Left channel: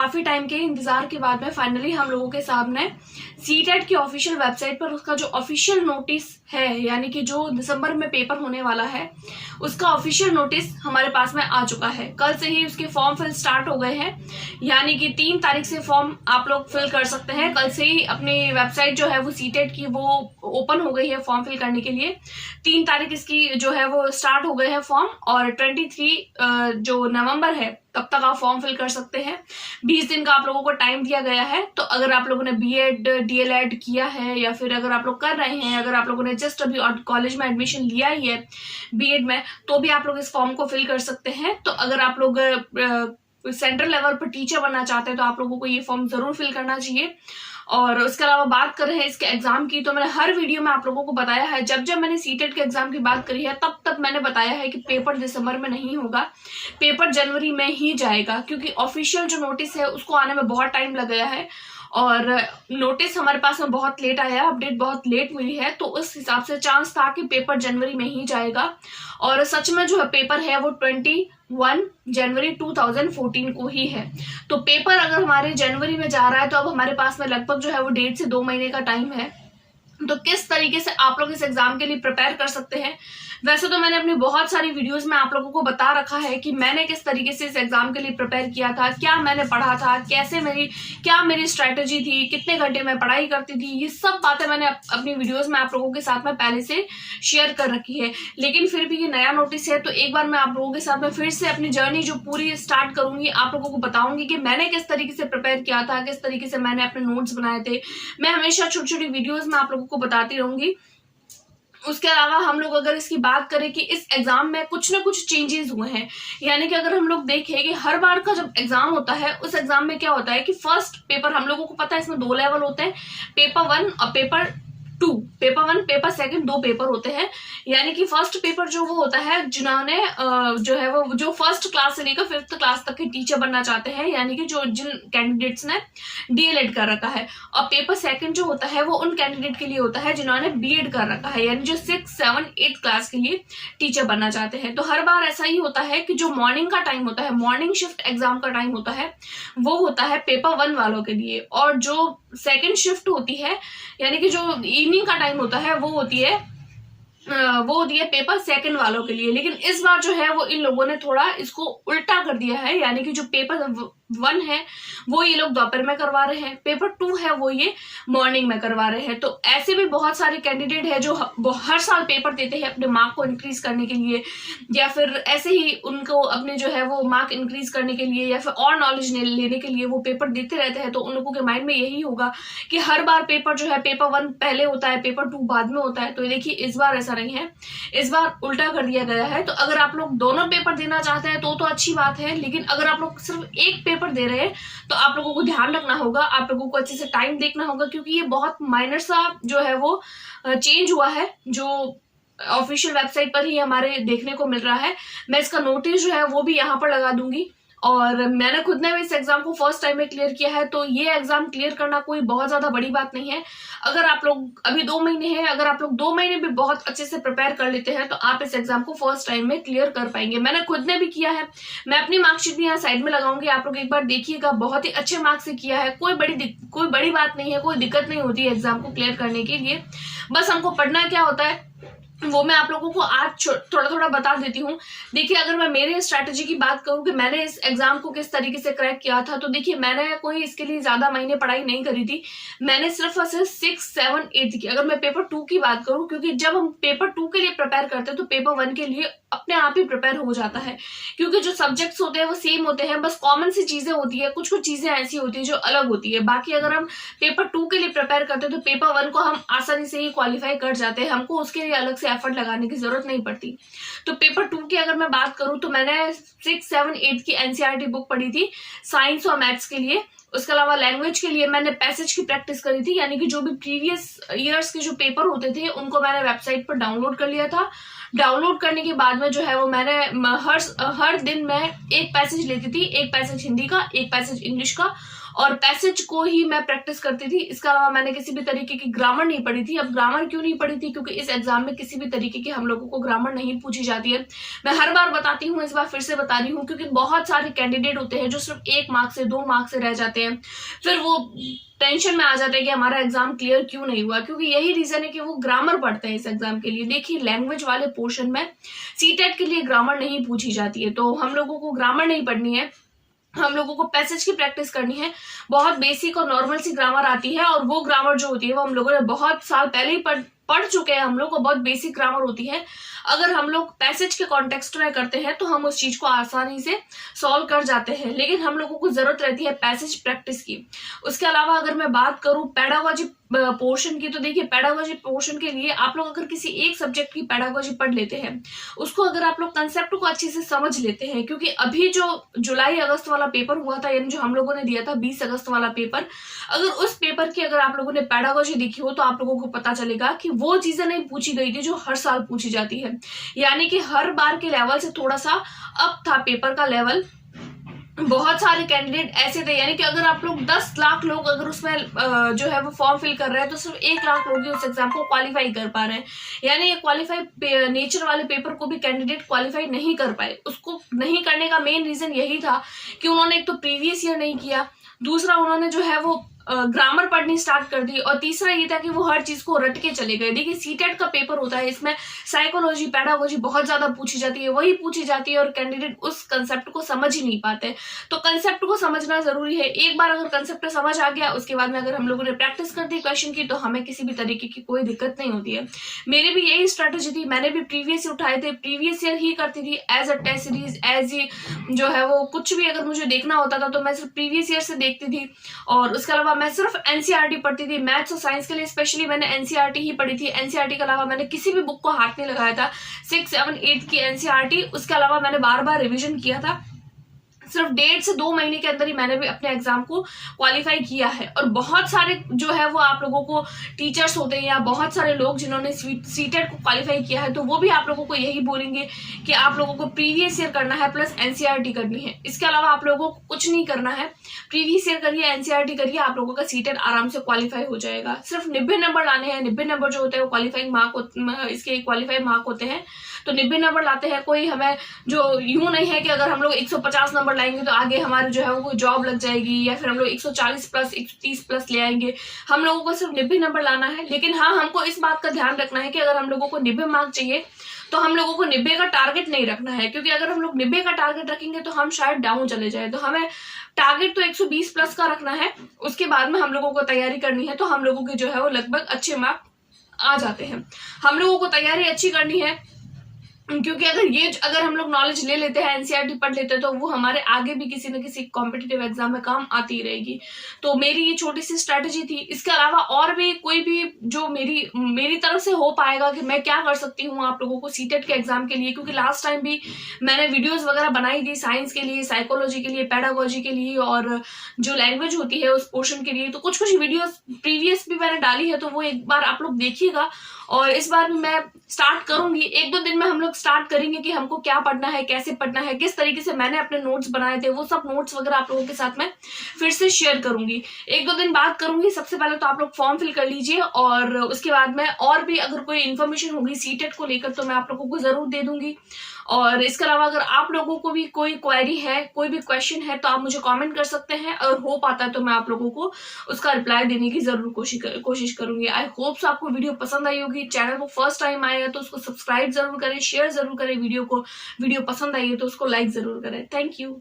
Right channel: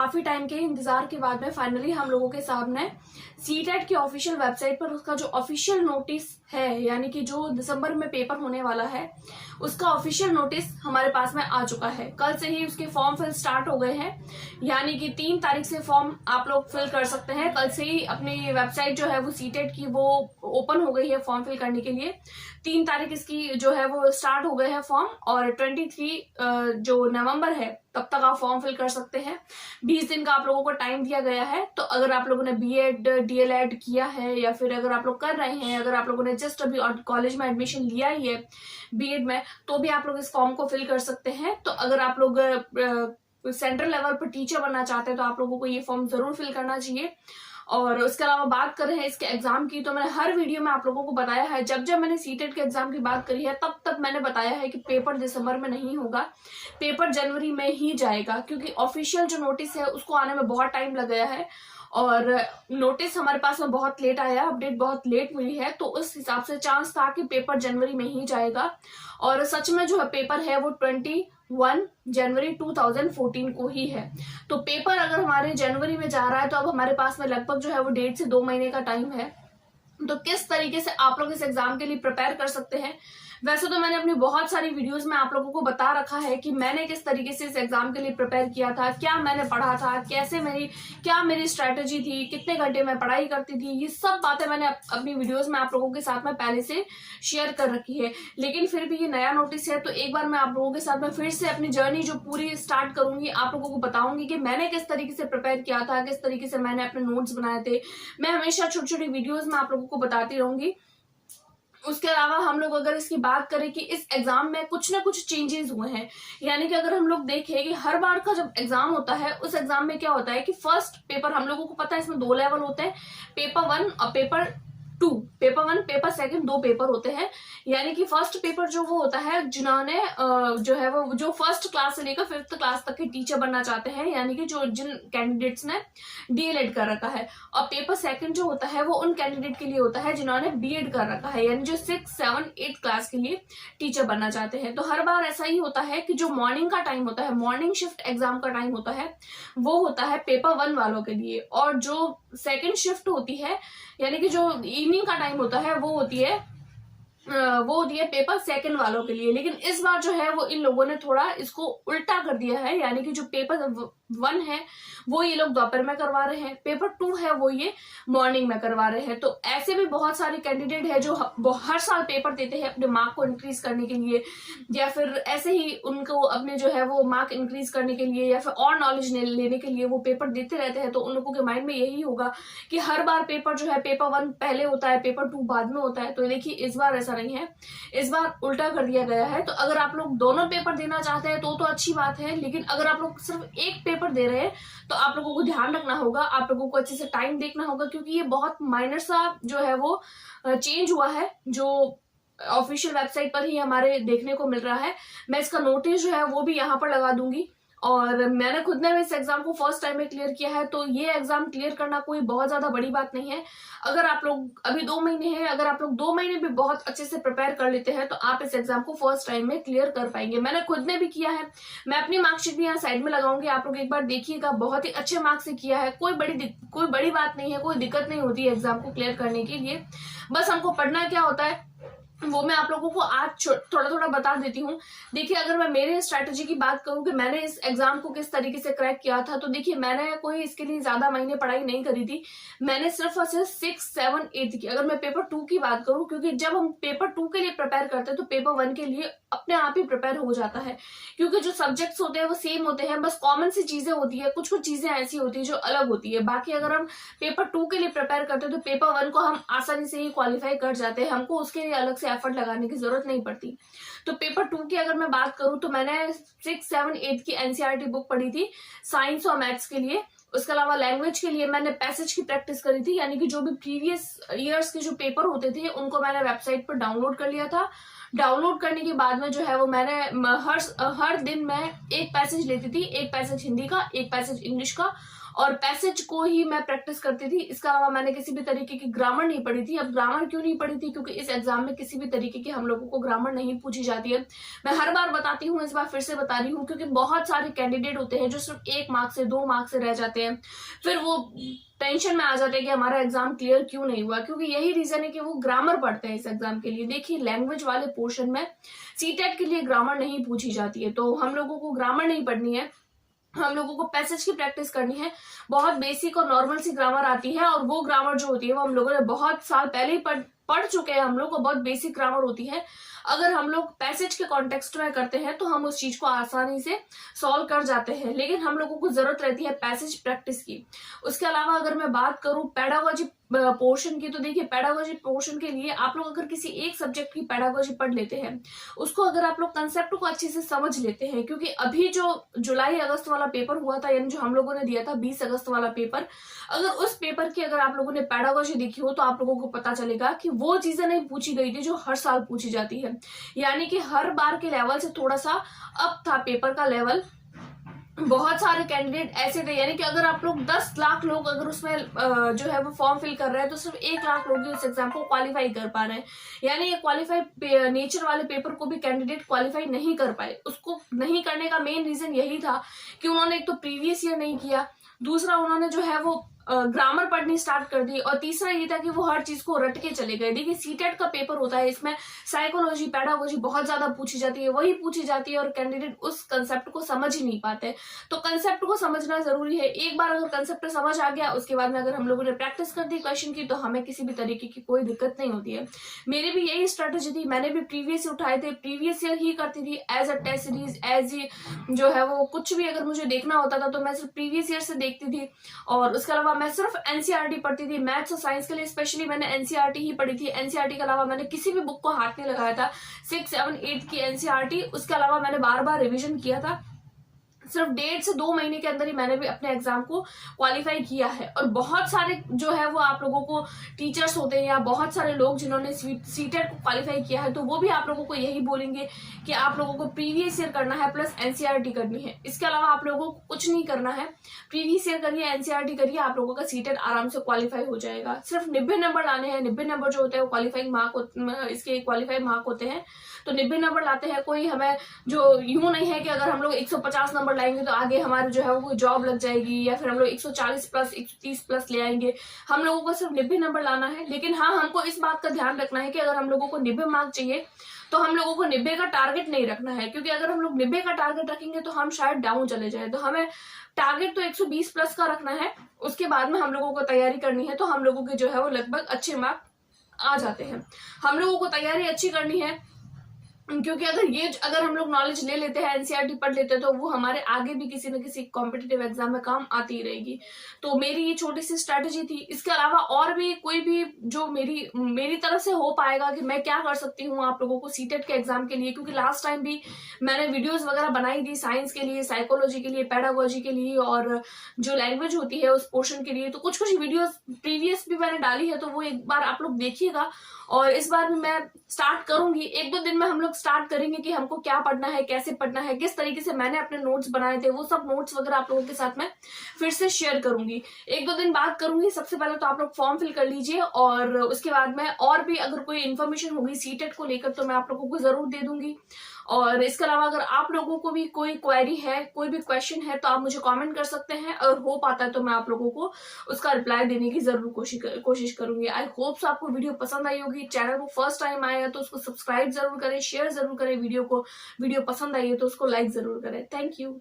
काफी टाइम के इंतजार के बाद में फाइनली हम लोगों के सामने सीटेट की ऑफिशियल वेबसाइट पर उसका जो ऑफिशियल नोटिस है, यानी कि जो दिसंबर में पेपर होने वाला है, उसका ऑफिशियल नोटिस हमारे पास में आ चुका है। कल से ही उसके फॉर्म फिल स्टार्ट हो गए हैं, यानी कि 3 तारीख से फॉर्म आप लोग फिल कर सकते हैं। कल से ही अपनी वेबसाइट जो है वो सीटेट की वो ओपन हो गई है फॉर्म फिल करने के लिए। 3 तारीख इसकी जो है वो स्टार्ट हो गए हैं फॉर्म, और 23 जो नवंबर है तब तक आप फॉर्म फिल कर सकते हैं। 20 दिन का आप लोगों को टाइम दिया गया है। तो अगर आप लोगों ने बीएड डीएलएड किया है, या फिर अगर आप लोग कर रहे हैं, अगर आप लोगों ने जस्ट अभी कॉलेज में एडमिशन लिया ही है बीएड में, तो भी आप लोग इस फॉर्म को फिल कर सकते हैं। तो अगर आप लोग सेंट्रल लेवल पर टीचर बनना चाहते हैं तो आप लोगों को ये फॉर्म जरूर फिल करना चाहिए। और उसके अलावा बात कर रहे हैं इसके एग्जाम की, तो मैंने हर वीडियो में आप लोगों को बताया है, जब जब मैंने सीटेट के एग्जाम की बात करी है तब तक मैंने बताया है कि पेपर दिसंबर में नहीं होगा, पेपर जनवरी में ही जाएगा, क्योंकि ऑफिशियल जो नोटिस है उसको आने में बहुत टाइम लग गया है और नोटिस हमारे पास में बहुत लेट आया, अपडेट बहुत लेट हुई है। तो उस हिसाब से चांस था कि पेपर जनवरी में ही जाएगा, और सच में जो है पेपर है वो 21 जनवरी 2014 को ही है। तो पेपर अगर हमारे जनवरी में जा रहा है तो अब हमारे पास में लगभग जो है वो 1.5 से 2 महीने का टाइम है। तो किस तरीके से आप लोग इस एग्जाम के लिए प्रिपेयर कर सकते हैं, वैसे तो मैंने अपनी बहुत सारी वीडियोस में आप लोगों को बता रखा है कि मैंने किस तरीके से इस एग्जाम के लिए प्रिपेयर किया था, क्या मैंने पढ़ा था, कैसे क्या मेरी स्ट्रेटेजी थी, कितने घंटे मैं पढ़ाई करती थी। ये सब बातें मैंने अपनी वीडियोस में आप लोगों के साथ में पहले से शेयर कर रखी है। लेकिन फिर भी ये नया नोटिस है तो एक बार मैं आप लोगों के साथ में फिर से अपनी जर्नी जो पूरी स्टार्ट करूंगी, आप लोगों को बताऊंगी कि मैंने किस तरीके से प्रिपेयर किया था, किस तरीके से मैंने अपने नोट्स बनाए थे। मैं हमेशा छोटी छोटी वीडियोज में आप लोगों को बताती रहूंगी। उसके अलावा हम लोग अगर इसकी बात करें कि इस एग्जाम में कुछ ना कुछ चेंजेस हुए हैं, यानी कि अगर हम लोग देखें कि हर बार का जब एग्जाम होता है उस एग्जाम में क्या होता है कि फर्स्ट पेपर हम लोगों को पता है इसमें 2 लेवल होते हैं, पेपर 1 और पेपर 2। पेपर 1 पेपर 2 2 पेपर होते हैं। यानी कि फर्स्ट पेपर जो वो होता है जिन्होंने जो है वो जो फर्स्ट क्लास से लेकर 5th क्लास तक के टीचर बनना चाहते हैं, यानी कि जिन कैंडिडेट्स ने डीएलएड कर रखा है। और पेपर 2 जो होता है वो उन कैंडिडेट के लिए होता है जिन्होंने बीएड कर रखा है, यानी जो 6, 7, 8 क्लास के लिए टीचर बनना चाहते हैं। तो हर बार ऐसा ही होता है कि जो मॉर्निंग का टाइम होता है, मॉर्निंग शिफ्ट एग्जाम का टाइम होता है, वो होता है पेपर 1 वालों के लिए, और जो सेकेंड शिफ्ट होती है, यानी कि जो इवनिंग का टाइम होता है, वो होती है पेपर 2 वालों के लिए। लेकिन इस बार जो है वो इन लोगों ने थोड़ा इसको उल्टा कर दिया है, यानी कि जो पेपर 1 है वो ये लोग दोपहर में करवा रहे हैं, पेपर 2 है वो ये मॉर्निंग में करवा रहे हैं। तो ऐसे भी बहुत सारे कैंडिडेट हैं जो हर साल पेपर देते हैं अपने मार्क को इंक्रीज करने के लिए, या फिर ऐसे ही उनको अपने जो है वो मार्क इंक्रीज करने के लिए, या फिर और नॉलेज लेने के लिए वो पेपर देते रहते हैं। तो उन लोगों के माइंड में यही होगा कि हर बार पेपर जो है पेपर 1 पहले होता है, पेपर 2 बाद में होता है। तो देखिए इस बार ऐसा नहीं है, इस बार उल्टा कर दिया गया है। तो अगर आप लोग दोनों पेपर देना चाहते हैं तो अच्छी बात है, लेकिन अगर आप लोग सिर्फ एक पेपर दे रहे हैं तो आप लोगों को ध्यान रखना होगा, आप लोगों को अच्छे से टाइम देखना होगा, क्योंकि ये बहुत माइनर सा जो है वो चेंज हुआ है, जो ऑफिशियल वेबसाइट पर ही हमारे देखने को मिल रहा है। मैं इसका नोटिस जो है वो भी यहाँ पर लगा दूंगी, और मैंने खुद ने भी इस एग्जाम को फर्स्ट टाइम में क्लियर किया है। तो ये एग्जाम क्लियर करना कोई बहुत ज्यादा बड़ी बात नहीं है। अगर आप लोग अभी 2 महीने हैं, अगर आप लोग 2 महीने भी बहुत अच्छे से प्रिपेयर कर लेते हैं तो आप इस एग्जाम को फर्स्ट टाइम में क्लियर कर पाएंगे। मैंने खुद ने भी किया है, मैं अपनी मार्कशीट भी यहाँ साइड में लगाऊंगी, आप लोग एक बार देखिएगा, बहुत ही अच्छे मार्क्स से किया है। कोई बड़ी बात नहीं है, कोई दिक्कत नहीं होती है एग्जाम को क्लियर करने के लिए। बस हमको पढ़ना क्या होता है वो मैं आप लोगों को आज थोड़ा थोड़ा बता देती हूँ। देखिए अगर मैं मेरे स्ट्रैटेजी की बात करूँ कि मैंने इस एग्जाम को किस तरीके से क्रैक किया था, तो देखिए मैंने कोई इसके लिए ज्यादा महीने पढ़ाई नहीं करी थी। मैंने सिर्फ और सिर्फ 6, 7, 8 की, अगर मैं पेपर 2 की बात करूँ, क्योंकि जब हम पेपर 2 के लिए प्रिपेयर करते हैं तो पेपर 1 के लिए अपने आप ही प्रिपेयर हो जाता है, क्योंकि जो सब्जेक्ट्स होते हैं वो सेम होते हैं, बस कॉमन सी चीजें होती है, कुछ कुछ चीजें ऐसी होती है जो अलग होती है। बाकी अगर हम पेपर 2 के लिए प्रिपेयर करते हैं तो पेपर 1 को हम आसानी से ही क्वालिफाई कर जाते हैं, हमको उसके लिए अलग से एफर्ट लगाने की जरूरत नहीं पड़ती। तो पेपर 2 की अगर मैं बात करूं तो मैंने 6, 7, 8 की एनसीईआरटी बुक पढ़ी थी साइंस और मैथ्स के लिए। उसके अलावा लैंग्वेज के लिए मैंने पैसेज की प्रैक्टिस करी थी, यानी कि जो भी प्रीवियस ईयर्स के जो पेपर होते थे उनको मैंने वेबसाइट पर डाउनलोड कर लिया था। डाउनलोड करने के बाद में जो है वो मैंने हर दिन में एक पैसेज लेती थी, एक पैसेज हिंदी का, एक पैसेज इंग्लिश का, और पैसेज को ही मैं प्रैक्टिस करती थी। इसके अलावा मैंने किसी भी तरीके की ग्रामर नहीं पढ़ी थी। अब ग्रामर क्यों नहीं पढ़ी थी? क्योंकि इस एग्जाम में किसी भी तरीके की हम लोगों को ग्रामर नहीं पूछी जाती है। मैं हर बार बताती हूँ, इस बार फिर से बता रही हूँ, क्योंकि बहुत सारे कैंडिडेट होते हैं जो सिर्फ 1 मार्क से 2 मार्क से रह जाते हैं, फिर वो टेंशन में आ जाते हैं कि हमारा एग्जाम क्लियर क्यों नहीं हुआ, क्योंकि यही रीजन है कि वो ग्रामर पढ़ते हैं इस एग्जाम के लिए। देखिए, लैंग्वेज वाले पोर्शन में सीटेट के लिए ग्रामर नहीं पूछी जाती है, तो हम लोगों को ग्रामर नहीं पढ़नी है, हम लोगों को पैसेज की प्रैक्टिस करनी है। बहुत बेसिक और नॉर्मल सी ग्रामर आती है, और वो ग्रामर जो होती है वो हम लोगों ने बहुत साल पहले ही पढ़ चुके हैं। हम लोग को बहुत बेसिक ग्रामर होती है। अगर हम लोग पैसेज के कॉन्टेक्स्ट में करते हैं तो हम उस चीज को आसानी से सॉल्व कर जाते हैं, लेकिन हम लोगों को जरूरत रहती है पैसेज प्रैक्टिस की। उसके अलावा अगर मैं बात करूं पेडागोजी पोर्शन की, तो देखिए पेडागोजी पोर्शन के लिए आप लोग अगर किसी एक सब्जेक्ट की पेडागोजी पढ़ लेते हैं, उसको अगर आप लोग कंसेप्ट को अच्छे से समझ लेते हैं, क्योंकि अभी जो जुलाई अगस्त वाला पेपर हुआ था, यानी जो हम लोगों ने दिया था 20 अगस्त वाला पेपर, अगर उस पेपर की अगर आप लोगों ने पेडागोजी देखी हो तो आप लोगों को पता चलेगा कि वो चीजें नहीं पूछी गई थी जो हर साल पूछी जाती है। यानी कि हर बार के लेवल से थोड़ा सा अप था पेपर का लेवल। बहुत सारे कैंडिडेट ऐसे थे, यानी कि अगर आप लोग 10 लाख लोग अगर उसमें जो है वो फॉर्म फिल कर रहे हैं, तो सिर्फ 1 लाख लोग ही उस एग्जाम को क्वालिफाई कर पा रहे हैं। यानी ये क्वालिफाई नेचर वाले पेपर को भी कैंडिडेट क्वालिफाई नहीं कर पाए। उसको नहीं करने का मेन रीजन यही था कि उन्होंने एक तो प्रीवियस ईयर नहीं किया, दूसरा उन्होंने जो है वो ग्रामर पढ़नी स्टार्ट कर दी, और तीसरा ये था कि वो हर चीज को रट के चले गए। देखिए, सीटेट का पेपर होता है, इसमें साइकोलॉजी पेडागोजी बहुत ज्यादा पूछी जाती है, वही पूछी जाती है, और कैंडिडेट उस कंसेप्ट को समझ ही नहीं पाते। तो कंसेप्ट को समझना जरूरी है। एक बार अगर कंसेप्ट समझ आ गया, उसके बाद में अगर हम लोगों ने प्रैक्टिस कर दी क्वेश्चन की, तो हमें किसी भी तरीके की कोई दिक्कत नहीं होती है। मेरी भी यही स्ट्रेटेजी थी, मैंने भी प्रीवियस ईयर उठाए थे, प्रीवियस ईयर ही करती थी as a test series, as a जो है वो कुछ भी अगर मुझे देखना होता था तो मैं सिर्फ प्रीवियस ईयर से देखती थी। और उसके अलावा मैं सिर्फ एनसीईआरटी पढ़ती थी। मैथ्स और साइंस के लिए स्पेशली मैंने एनसीईआरटी ही पढ़ी थी। एनसीईआरटी के अलावा मैंने किसी भी बुक को हाथ नहीं लगाया था। 6, 7, 8 की एनसीईआरटी, उसके अलावा मैंने बार बार रिविजन किया था। सिर्फ 1.5 से 2 महीने के अंदर ही मैंने भी अपने एग्जाम को क्वालिफाई किया है। और बहुत सारे जो है वो आप लोगों को टीचर्स होते हैं या बहुत सारे लोग जिन्होंने सीटेट को क्वालिफाई किया है, तो वो भी आप लोगों को यही बोलेंगे कि आप लोगों को प्रीवियस ईयर करना है प्लस एनसीईआरटी करनी है। इसके अलावा आप लोगों को कुछ नहीं करना है, प्रीवियस ईयर करिए, एनसीईआरटी करिए, आप लोगों का सीटेट आराम से क्वालिफाई हो जाएगा। सिर्फ 90 नंबर लाने हैं। 90 नंबर जो होते हैं वो क्वालिफाइंग मार्क, इसके क्वालिफाई मार्क होते हैं, तो 90 नंबर लाते हैं। कोई हमें जो यूं नहीं है कि अगर हम लोग 150 नंबर लाएंगे तो आगे हमारे जो है वो जॉब लग जाएगी, या फिर हम लोग 140 प्लस 130 प्लस ले आएंगे। हम लोगों को सिर्फ 90 नंबर लाना है। लेकिन हाँ, हमको इस बात का ध्यान रखना है कि अगर हम लोगों को 90 मार्क चाहिए तो हम लोगों को 90 का टारगेट नहीं रखना है, क्योंकि अगर हम लोग 90 का टारगेट रखेंगे तो हम शायद डाउन चले जाए। तो हमें टारगेट तो 120 प्लस का रखना है। उसके बाद में हम लोगों को तैयारी करनी है, तो हम लोगों के जो है वो लगभग अच्छे मार्क आ जाते हैं। हम लोगों को तैयारी अच्छी करनी है, क्योंकि अगर हम लोग नॉलेज ले लेते हैं, एनसीईआरटी पढ़ लेते हैं, तो वो हमारे आगे भी किसी न किसी कॉम्पिटिटिव एग्जाम में काम आती ही रहेगी। तो मेरी ये छोटी सी स्ट्रेटेजी थी। इसके अलावा और भी कोई भी जो मेरी तरफ से हो पाएगा कि मैं क्या कर सकती हूँ आप लोगों को सीटेट के एग्जाम के लिए, क्योंकि लास्ट टाइम भी मैंने वीडियोज वगैरह बनाई थी साइंस के लिए, साइकोलॉजी के लिए, पेडागोजी के लिए, और जो लैंग्वेज होती है उस पोर्शन के लिए। तो कुछ वीडियोज प्रीवियस भी मैंने डाली है, तो वो एक बार आप लोग देखिएगा। और इस बार भी मैं स्टार्ट करूंगी, 1-2 दिन में हम लोग स्टार्ट करेंगे कि हमको क्या पढ़ना है, कैसे पढ़ना है, किस तरीके से मैंने अपने नोट्स बनाए थे, वो सब नोट्स वगैरह आप लोगों के साथ में फिर से शेयर करूंगी। 1-2 दिन बात करूंगी। सबसे पहले तो आप लोग फॉर्म फिल कर लीजिए, और उसके बाद में और भी अगर कोई इन्फॉर्मेशन होगी सीटेट को लेकर तो मैं आप लोगों को जरूर दे दूंगी। और इसके अलावा अगर आप लोगों को भी कोई क्वेरी है, कोई भी क्वेश्चन है, तो आप मुझे कमेंट कर सकते हैं, और हो पाता है तो मैं आप लोगों को उसका रिप्लाई देने की जरूर कोशिश करूंगी। आई होप सो आपको वीडियो पसंद आई होगी। चैनल को फर्स्ट टाइम आया है तो उसको सब्सक्राइब जरूर करें, शेयर जरूर करें वीडियो को। वीडियो पसंद आई है तो उसको लाइक जरूर करें। Thank you.